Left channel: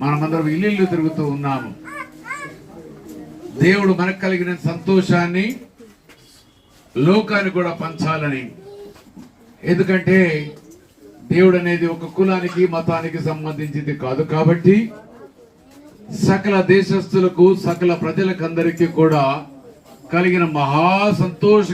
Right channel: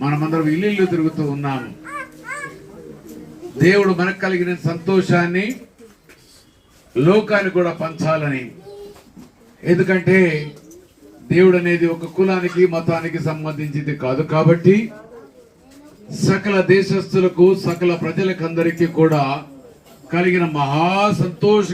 మనమందరం ఇల్లు తిరుగుతూ ఉన్నాము. దేవుడు మనకు కలిగిన సంతోషాన్ని లోకానికి కూడా పంచాలని. ఎందుకంటే దేవుడు అనేది ఒక కులానికి మతానికి సంబంధించింది కాదు కాబట్టి సకల దేశస్తులకు సకల ప్రజలకందరికీ కూడా కలిగిన మహా సంతోష